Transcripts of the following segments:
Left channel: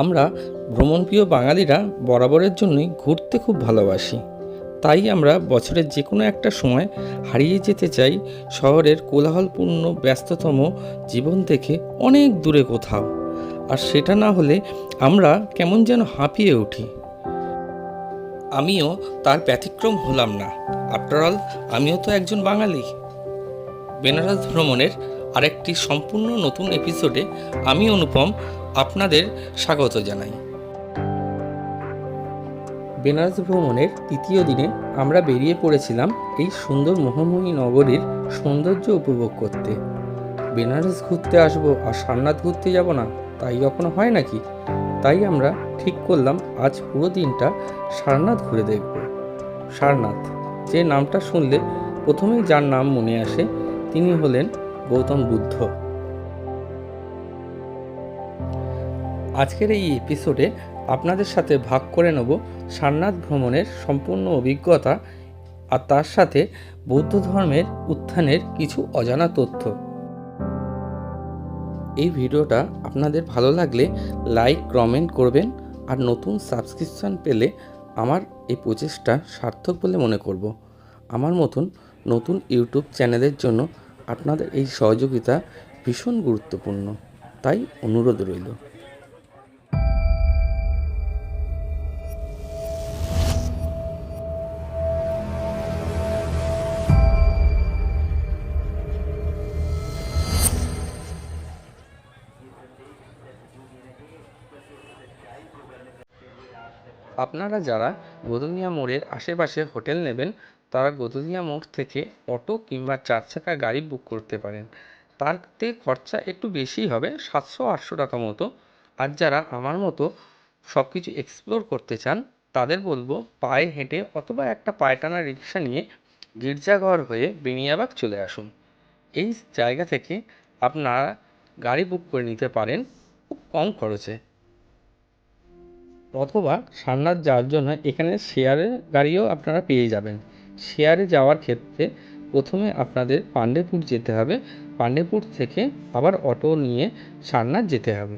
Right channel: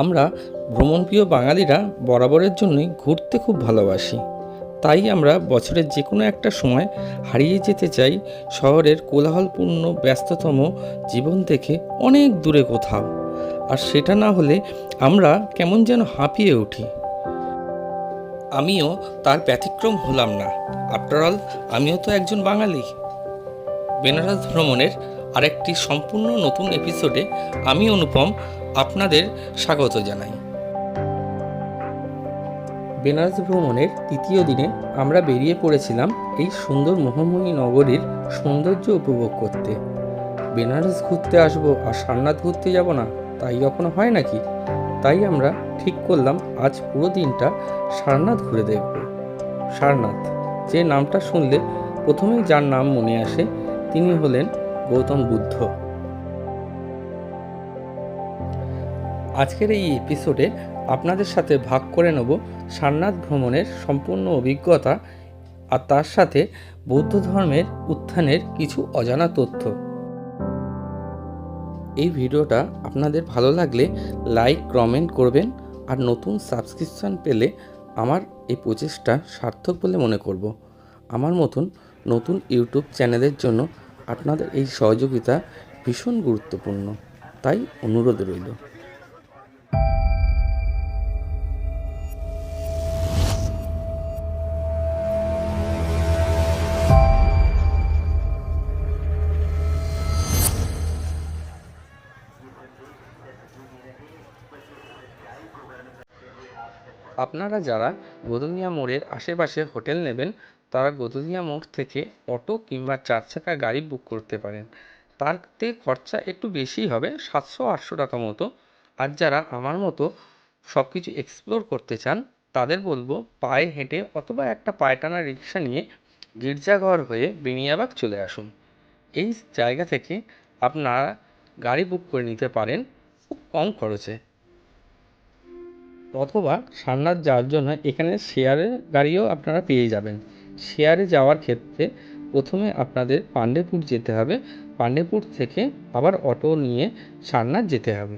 আমরা ভ্রমণপ্রিয় বাঙালিরা বরাবরের জন্যই ঘুরতে খুব ভালোবাসি। তাই আমরা বছরের যে কোনো একটা সময় হারিয়ে যেতে চাই শহরের কোলাহলপূর্ণ ব্যস্ততম জীবন থেকে অনেক দূরে কোথাও। আর সেটা না হলে আমরা কেমন যেন হাঁপিয়ে উঠি। আমিও তার ব্যতিক্রম হলাম না। আফটারঅল আমিও তো একজন বাঙালি। বেনারস ভ্রমণের আরেকটি সম্পূর্ণ নতুন এপিসোডে আমি অনুপম আপনাদের স্বাগত জানাই। বেনারস ভ্রমণের তৃতীয় দিনে আমরা বেরিয়ে পড়েছিলাম এই সুন্দর মোহময়ী নগরীর সৌন্দর্য উপভোগ করতে। বেনারস ঘুরতে আসবো আর সারনাথ ঘুরতে যাব না, তাই কখনো হয় নাকি? তাই আমরা ঠিক করলাম আজ পুরো দিনটা সারনাথ ঘুরে দেখব। সারনাথ, যে নামটা শুনলে প্রথমেই যার নাম মনে আসে তিনি হলেন গৌতম বুদ্ধ। আজকের এই এপিসোডে আপনাদের সাথে ভাগ করে নেব সারনাথ ভ্রমণের সম্পূর্ণ অভিজ্ঞতা আর তার সাথে বৌদ্ধ ধর্মের উত্থানের কিছু অজানা তথ্য। এই ভিডিওটা আপনাদের ভালো লাগলে লাইক কমেন্ট করবেন, আর নতুন সাবস্ক্রিপশান পেলে আমার এই প্রচেষ্টা সার্থক বলে মনে করব। আমার মতন নতুন ইউটিউব চ্যানেলের জন্য আপনাদের এই সহযোগিতা ভীষণ গুরুত্বপূর্ণ, তাই অনুরোধ রইল। আপনারা যারা গদুনিয়া মোড়ের আশেপাশে হোটেল নেবেন তারা গদুনিয়া মোড় থেকে অটো কিংবা 4 চাকা গাড়ি বুক করতে পারেন। তাতে খরচা একটু বেশিই হবে, 700-800 টাকা মতো। আর যারা আমার মতো সব কিছু এক্সপ্লোর করতে চান তাদের বলবো পায়ে হেঁটে অথবা একটা পায়টানা রিক্সা নিয়ে গির্জাঘর হয়ে বেনিয়াবাগ চলে আসুন। এই জায়গা থেকে আপনারা গাড়ি বুক করে নিতে পারেন খুব কম খরচে। অথবা সারনাথ যাওয়ার জন্য এখানে শেয়ারের গাড়িও আপনারা পেয়ে যাবেন। শেয়ারে যাওয়ার ক্ষেত্রে প্রথমে আপনাদের পাণ্ডেপুর যেতে হবে, পাণ্ডেপুর থেকে আবার অটো নিয়ে সারনাথ যেতে হবে।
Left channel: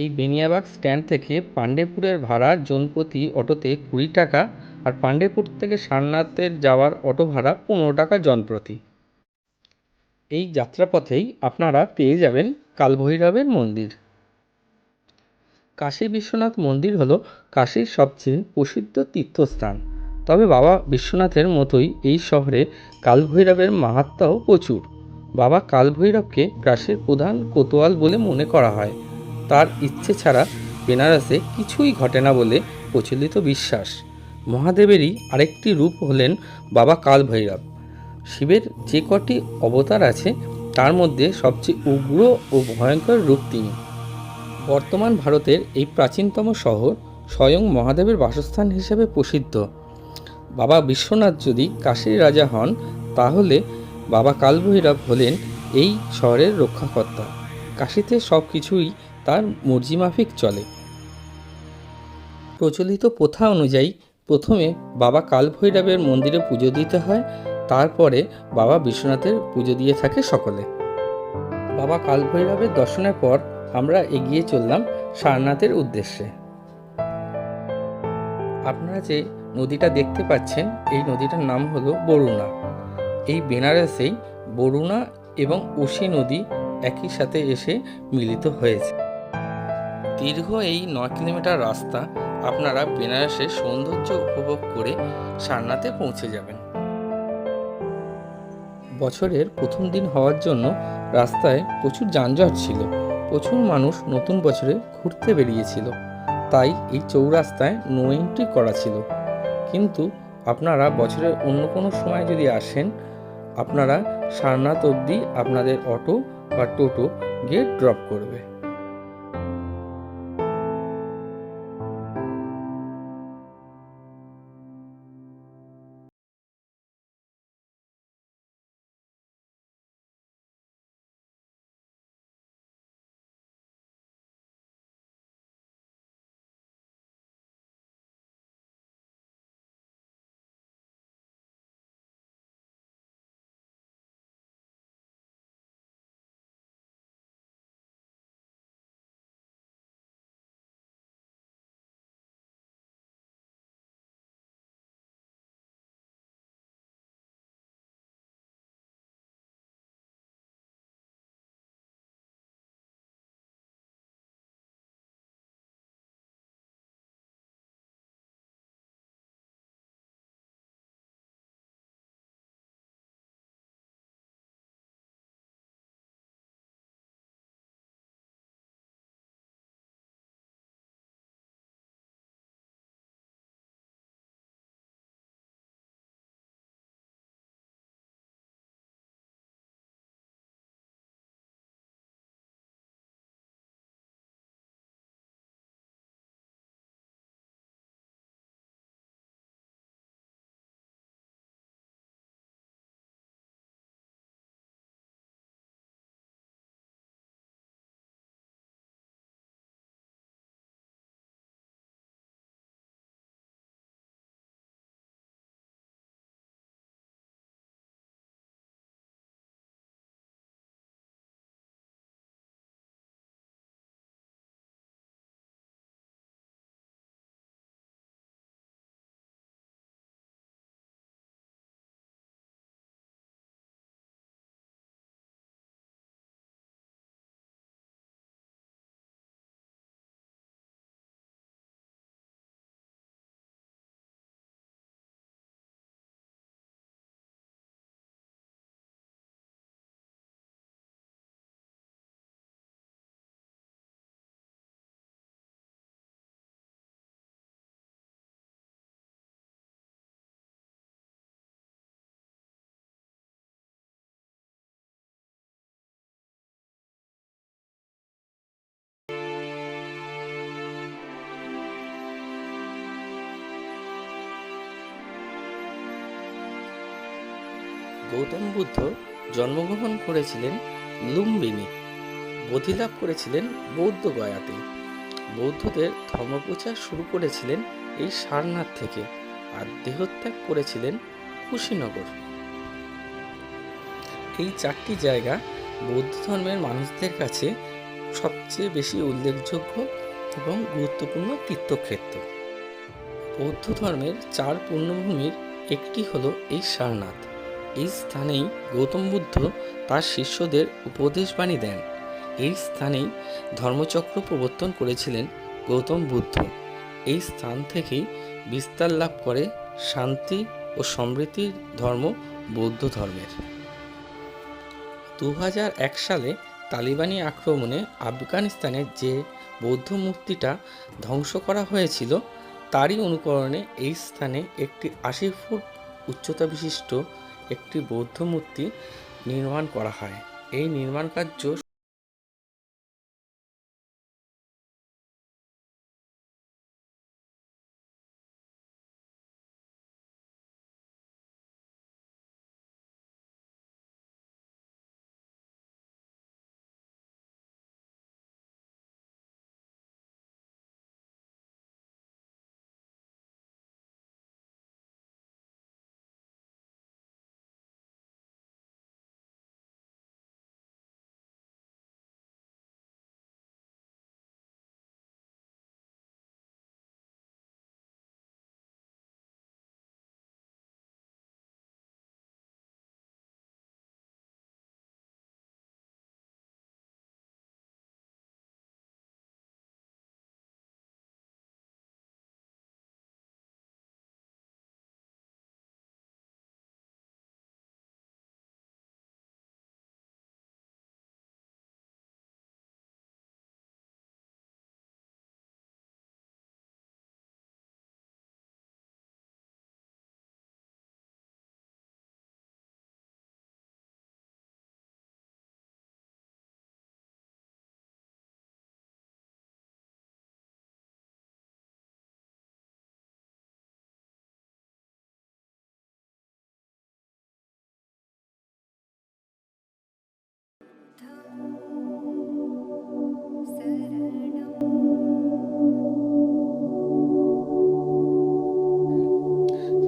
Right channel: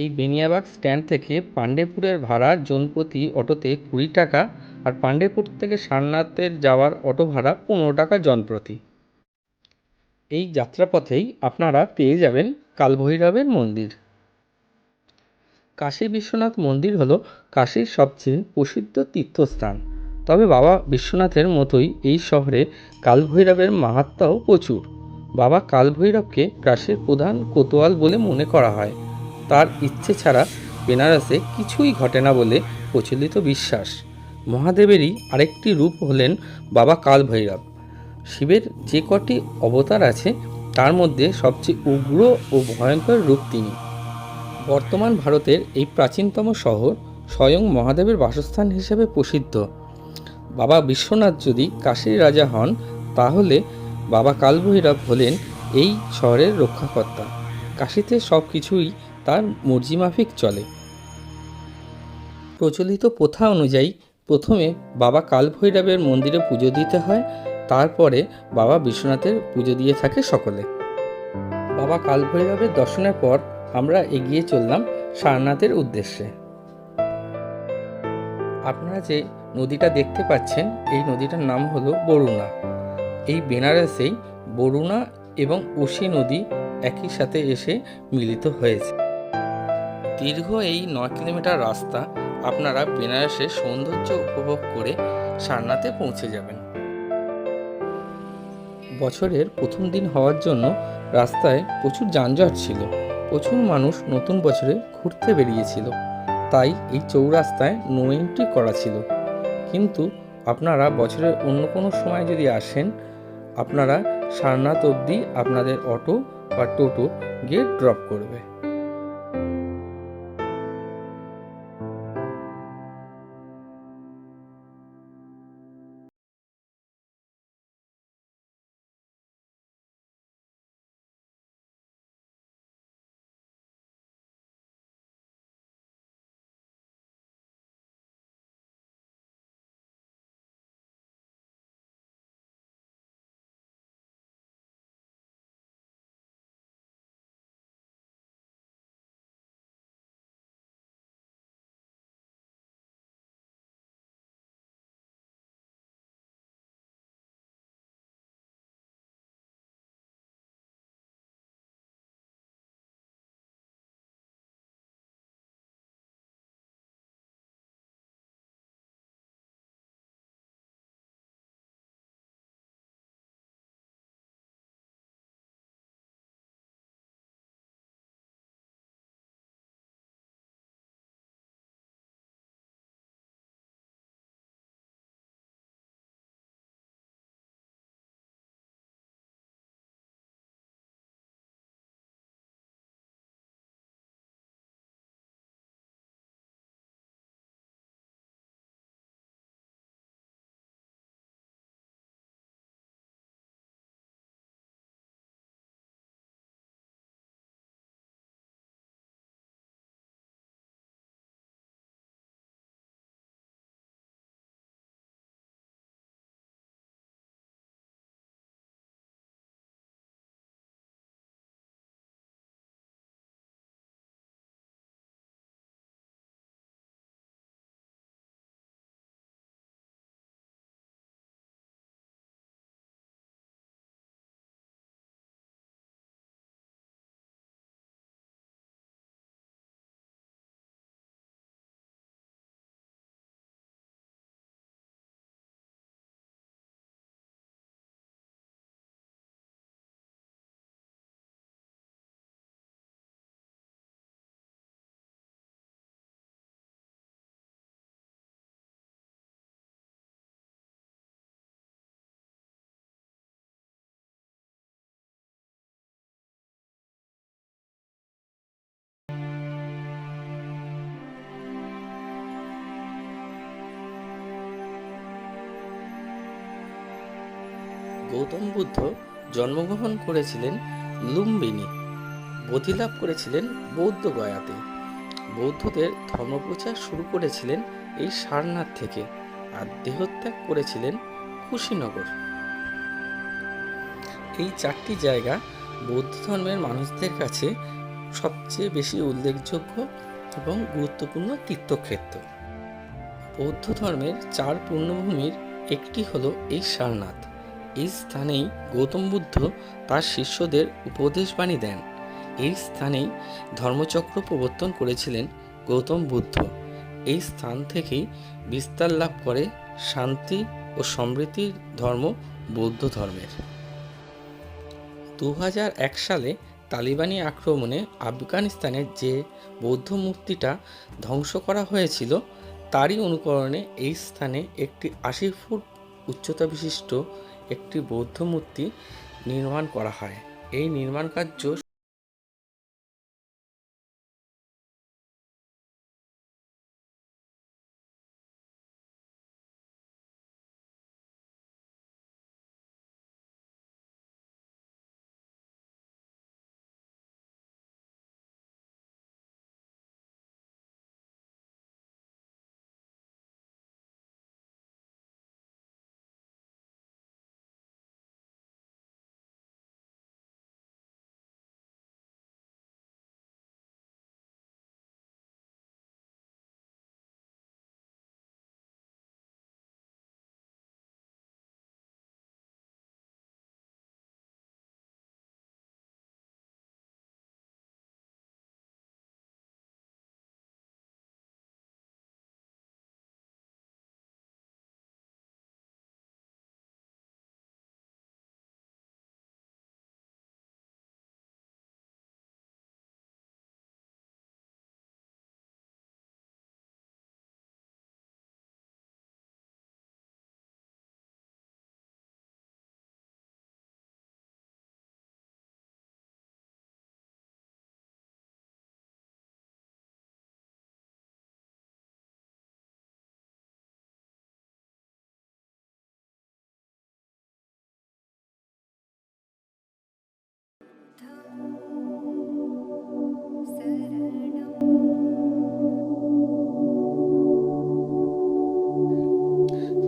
এই বেনিয়াবাগ স্ট্যান্ড থেকে পাণ্ডেপুরের ভাড়া জনপ্রতি অটোতে 20 টাকা, আর পাণ্ডেপুর থেকে সারনাথের যাওয়ার অটো ভাড়া 15 টাকা জনপ্রতি। এই যাত্রাপথেই আপনারা পেয়ে যাবেন কালভৈরবের মন্দির। কাশী বিশ্বনাথ মন্দির হলো কাশীর সবচেয়ে প্রসিদ্ধ তীর্থস্থান। তবে বাবা বিশ্বনাথের মতোই এই শহরে কালভৈরবের মাহাত্ম্যও প্রচুর। বাবা কালভৈরবকে কাশীর প্রধান কোতোয়াল বলে মনে করা হয়। তার ইচ্ছে ছাড়া বেনারসে কিছুই ঘটে না বলে প্রচলিত বিশ্বাস। মহাদেবেরই আরেকটি রূপ হলেন বাবা কালভৈরব। শিবের যে কটি অবতার আছে তার মধ্যে সবচেয়ে উগ্র ও ভয়ঙ্কর রূপ তিনি। বর্তমান ভারতের এই প্রাচীনতম শহর স্বয়ং মহাদেবের বাসস্থান হিসেবে প্রসিদ্ধ। বাবা বিশ্বনাথ যদি কাশীর রাজা হন তাহলে বাবা কালভৈরব হলেন এই শহরের রক্ষাকর্তা। কাশীতে সব কিছুই তার মর্জিমাফিক চলে। প্রচলিত প্রথা অনুযায়ী প্রথমে বাবা কালভৈরবের মন্দিরে পুজো দিতে হয়, তারপরে বাবা বিশ্বনাথের পুজো দিয়ে থাকে সকলে। বাবা কালভৈরবের দর্শনের পর আমরা এগিয়ে চললাম সারনাথের উদ্দেশ্যে। আপনারা যে নদীটা দেখতে পাচ্ছেন এই নদীটার নাম হলো বরুণা। এই বেনারসেই বরুণা এবং উশি নদী একই সাথে এসে মিলিত হয়েছে। দীর্ঘ এই 9 কিলোমিটার রাস্তা আপনারা বেনারসের সৌন্দর্য উপভোগ করে সারনাথে পৌঁছে যাবেন। বছরের প্রথম দিন হওয়ার জন্য রাস্তায় প্রচুর যানজট ছিল। প্রচুর মানুষ নতুন বছরে ঘুরতে বেরিয়েছিল, তাই এই চৌরাস্তায় নো এন্ট্রি করা ছিল। কিন্তু আপনারা বছরের অন্য কোনো সময় যদি আসেন, আপনারা সারনাথ অবধি আপনাদের অটো বা টোটো গিয়ে ড্রপ করবে। গৌতম বুদ্ধ জন্মগ্রহণ করেছিলেন লুম্বিনী, বোধিলাভ করেছিলেন বৌদ্ধ গয়াতে। বৌদ্ধদের ধর্মপ্রচার শুরু করেছিলেন এই সারনাথ থেকে, আর দেহত্যাগ করেছিলেন কুশীনগর। এই 4টি জায়গা বৌদ্ধ ধর্মের মানুষদের কাছে সবচেয়ে বেশি উল্লেখযোগ্য এবং গুরুত্বপূর্ণ তীর্থক্ষেত্র। বৌদ্ধ ধর্মের 4 পুণ্যভূমির একটি হলো এই সারনাথ। এই স্থানেই গৌতম বুদ্ধ তার শিষ্যদের উপদেশবাণী দেন। এই স্থানেই ধর্মচক্র প্রবর্তন করেছিলেন গৌতম বুদ্ধ। এই স্থান থেকেই বিস্তার লাভ করে শান্তি ও সমৃদ্ধির ধর্ম বৌদ্ধ ধর্মের। 2001 সালে তালিবানি আক্রমণে আফগানিস্তানের যে বৌদ্ধ মূর্তিটা ধ্বংস করা হয়েছিল, তারই অনুকরণে এই স্থানে একটি 80 ফুট উচ্চতা বিশিষ্ট একটি বৌদ্ধ মূর্তি নির্মাণ করা হয়। এই নির্মাণ কার্য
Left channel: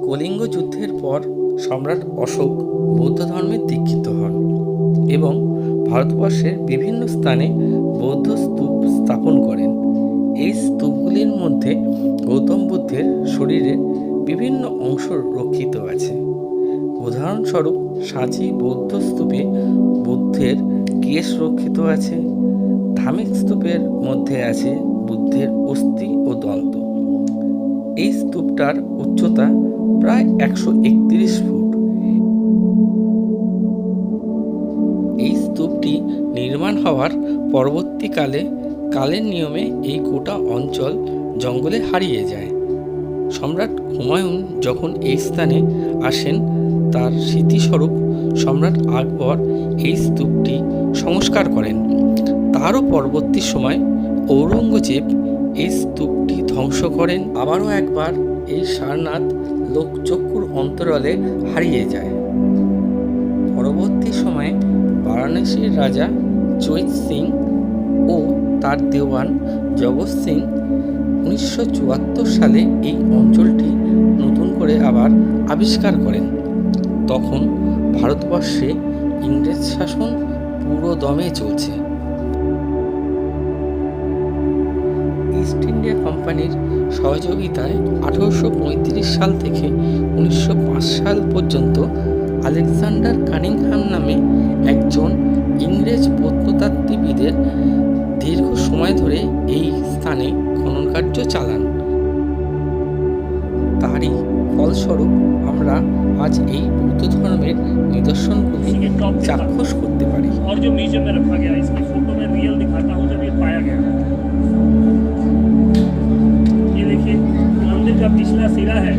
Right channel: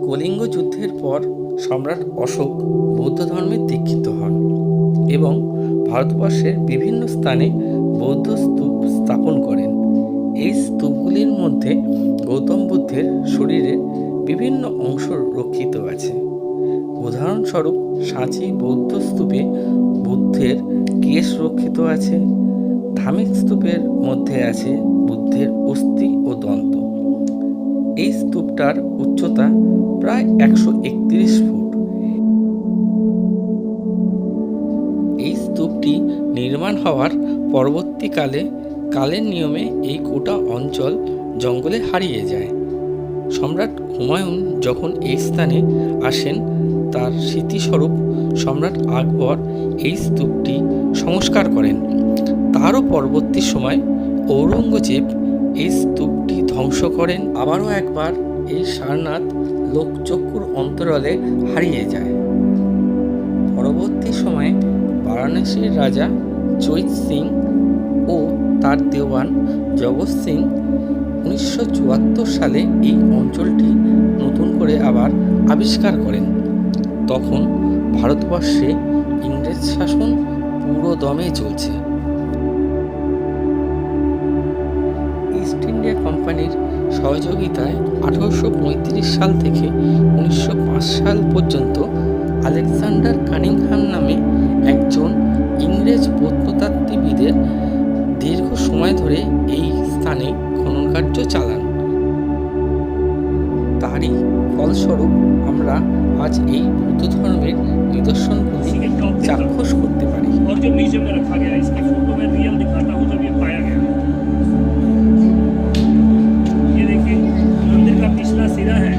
কলিঙ্গ যুদ্ধের পর সম্রাট অশোক বৌদ্ধ ধর্মে দীক্ষিত হন এবং ভারতবর্ষের বিভিন্ন স্থানে বৌদ্ধ স্তূপ স্থাপন করেন। এই স্তূপগুলির মধ্যে গৌতম বুদ্ধের শরীরের বিভিন্ন অংশ রক্ষিত আছে। উদাহরণস্বরূপ সাঁচি বৌদ্ধ স্তূপে বুদ্ধের কেশ রক্ষিত আছে। ধামিক স্তূপের মধ্যে আছে বুদ্ধের অস্থি ও দন্ত। এই স্তূপটার উচ্চতা প্রায় 131 ফুট। এই স্তূপটি নির্মাণ হওয়ার পরবর্তীকালে কালের নিয়মে এই গোটা অঞ্চল জঙ্গলে হারিয়ে যায়। সম্রাট হুমায়ুন যখন এই স্থানে আসেন, তার স্মৃতিস্বরূপ সম্রাট আকবর এই স্তূপটি সংস্কার করেন। তারও পরবর্তী সময় ঔরঙ্গজেব এই স্তূপটি ধ্বংস করেন। আবারও একবার এই সারনাথ লোকচক্ষুর অন্তরালে হারিয়ে যায়। পরবর্তী সময়ে বারাণসীর রাজা চৈত সিং ও তার দেওয়ান জগৎ সিং 1974 সালে এই অঞ্চলটি নতুন করে আবার আবিষ্কার করেন। তখন ভারতবর্ষে ইংরেজ শাসন পুরো দমে চলছে। ইস্ট ইন্ডিয়া কোম্পানির সহযোগিতায় 1835 সাল থেকে 1905 সাল পর্যন্ত আলেকজান্ডার কানিংহাম নামে একজন ইংরেজ প্রত্নতাত্ত্বিকবিদের দীর্ঘ সময় ধরে এই স্থানে খনন কার্য চালান। তারই ফলস্বরূপ আমরা আজ এই বৌদ্ধ ধর্মের নিদর্শনগুলি চাক্ষুষ করতে পারি। मंदिर का पिछला सिरा है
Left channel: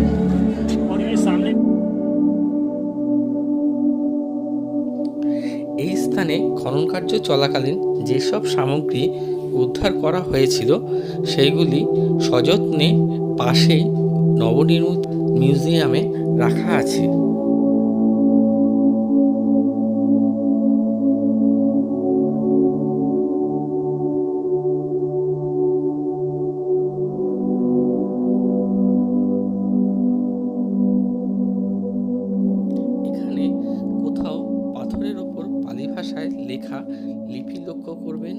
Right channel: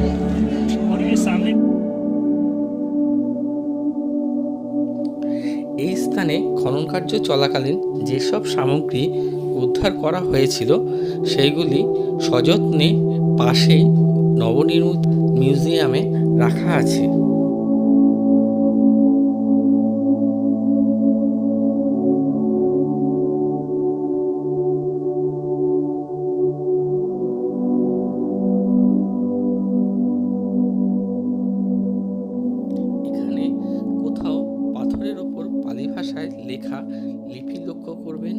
और ये सामने। এই স্থানে খনন কার্য চলাকালীন যেসব সামগ্রী উদ্ধার করা হয়েছিল সেইগুলি সযত্নে পাশেই নবনির্মিত মিউজিয়ামে রাখা আছে। ভাষায় লেখা লিপি লক্ষ্য করবেন।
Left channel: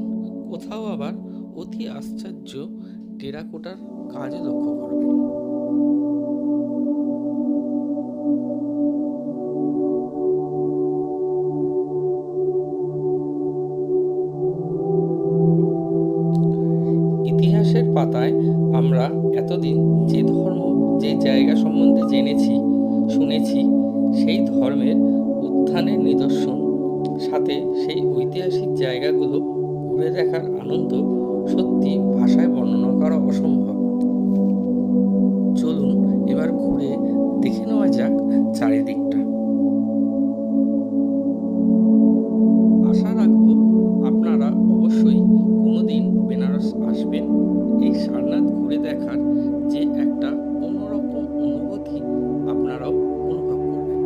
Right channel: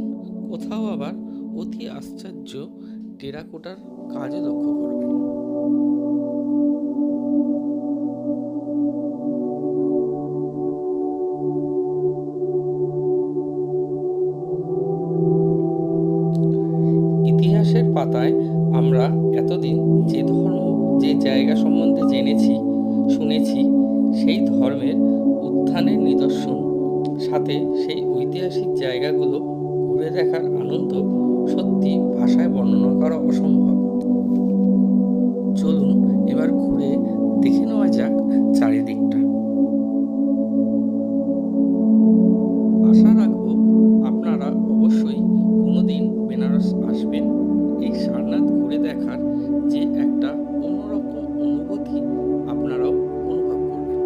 কোথাও আবার অতি আশ্চর্য টেরাকোটার কাজও লক্ষ্য করবেন। ইতিহাসের পাতায় আমরা এতদিন যে ধর্ম, যে জায়গা সম্বন্ধে জেনেছি, শুনেছি, সেই ধর্মের উত্থানের নিদর্শন, সাথে সেই ঐতিহাসিক জায়গাগুলো ঘুরে দেখার আনন্দ সত্যি ভাষায় বর্ণনা করা অসম্ভব। চলুন এবার ঘুরে দেখে নেওয়া যাক চারিদিকটা। আশা রাখবো আপনারা অবশ্যই কোনো দিন বেনারস আসবেন। এই সারনাথ ঘুরে দেখার যে একটা অন্যরকম অনুভূতি আপনারাও অনুভব করবেন।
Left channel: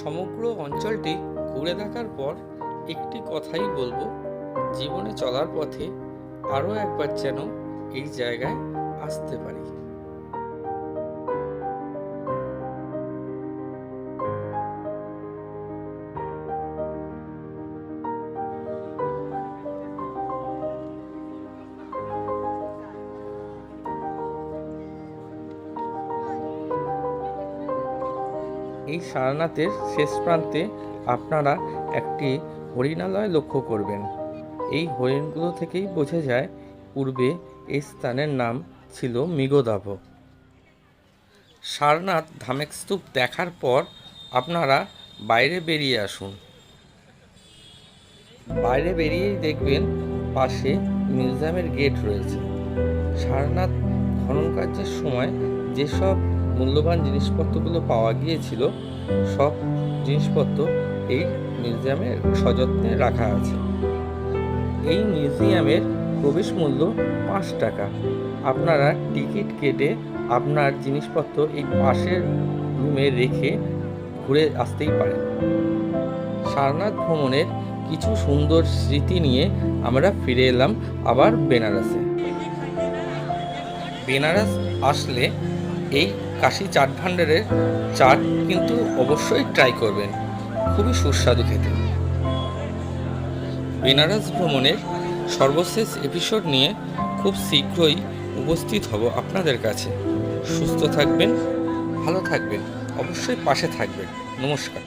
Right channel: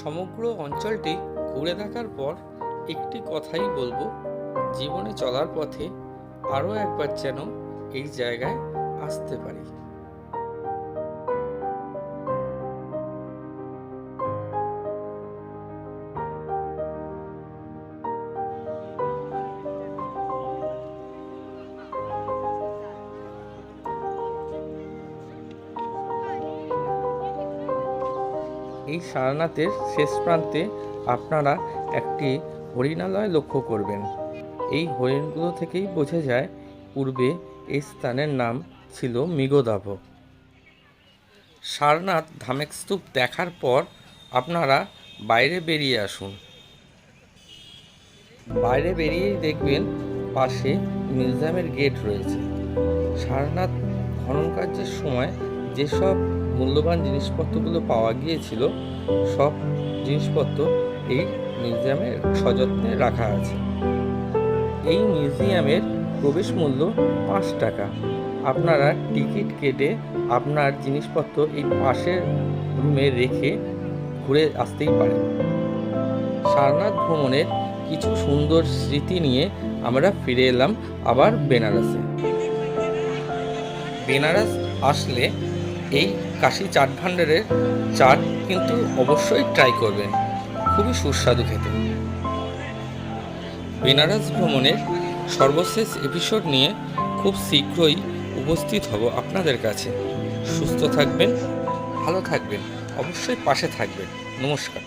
সমগ্র অঞ্চলটি ঘুরে দেখার পর একটি কথাই বলবো, জীবনে চলার পথে আরও একবার যেন এই জায়গায় আসতে পারি। এই সারনাথের শেষ প্রান্তে আপনারা একটি হরিণালয় লক্ষ্য করবেন। এই হরিণগুলো থেকেই বোঝা যায় পূর্বে এই স্থানের নাম ছিল মৃগদাভ। সারনাথ ধামেক স্তূপ দেখার পর আপনারা বাইরে বেরিয়ে আসুন। বাইরে বেরিয়েই দেখবেন পাশে মিউজিয়ামের গেট রয়েছে। সারনাথ খনন কার্যের সময় যেসব মূল্যবান জিনিসপত্রগুলো পাওয়া গিয়েছিল, সব জিনিসপত্র এই মিউজিয়ামে সযত্নে রাখা আছে। এই মিউজিয়ামের প্রবেশ মূল্য 5 টাকা। আপনারা টিকিট কেটে আপনার জিনিসপত্র এই পাশের রুমে রেখে ঘুরে আসতেই পারেন। সারনাথ ভ্রমণের কিছু সুন্দর স্মৃতি নিয়ে আমরা ফিরে এলাম আবার বেনারসে। বেনারস আসলে এই কাশী চাট ভান্ডারের চাট কিন্তু অবশ্যই ট্রাই করবেন, খুবই সুস্বাদু খেতে। বেনারস ভ্রমণের সর্বশেষ এপিসোড নিয়ে খুব শীঘ্রই উপস্থিত হব আপনাদের কাছে। সুস্থ থাকবেন, ভালো থাকবেন, অবশ্যই পাশে থাকবেন। নমস্কার।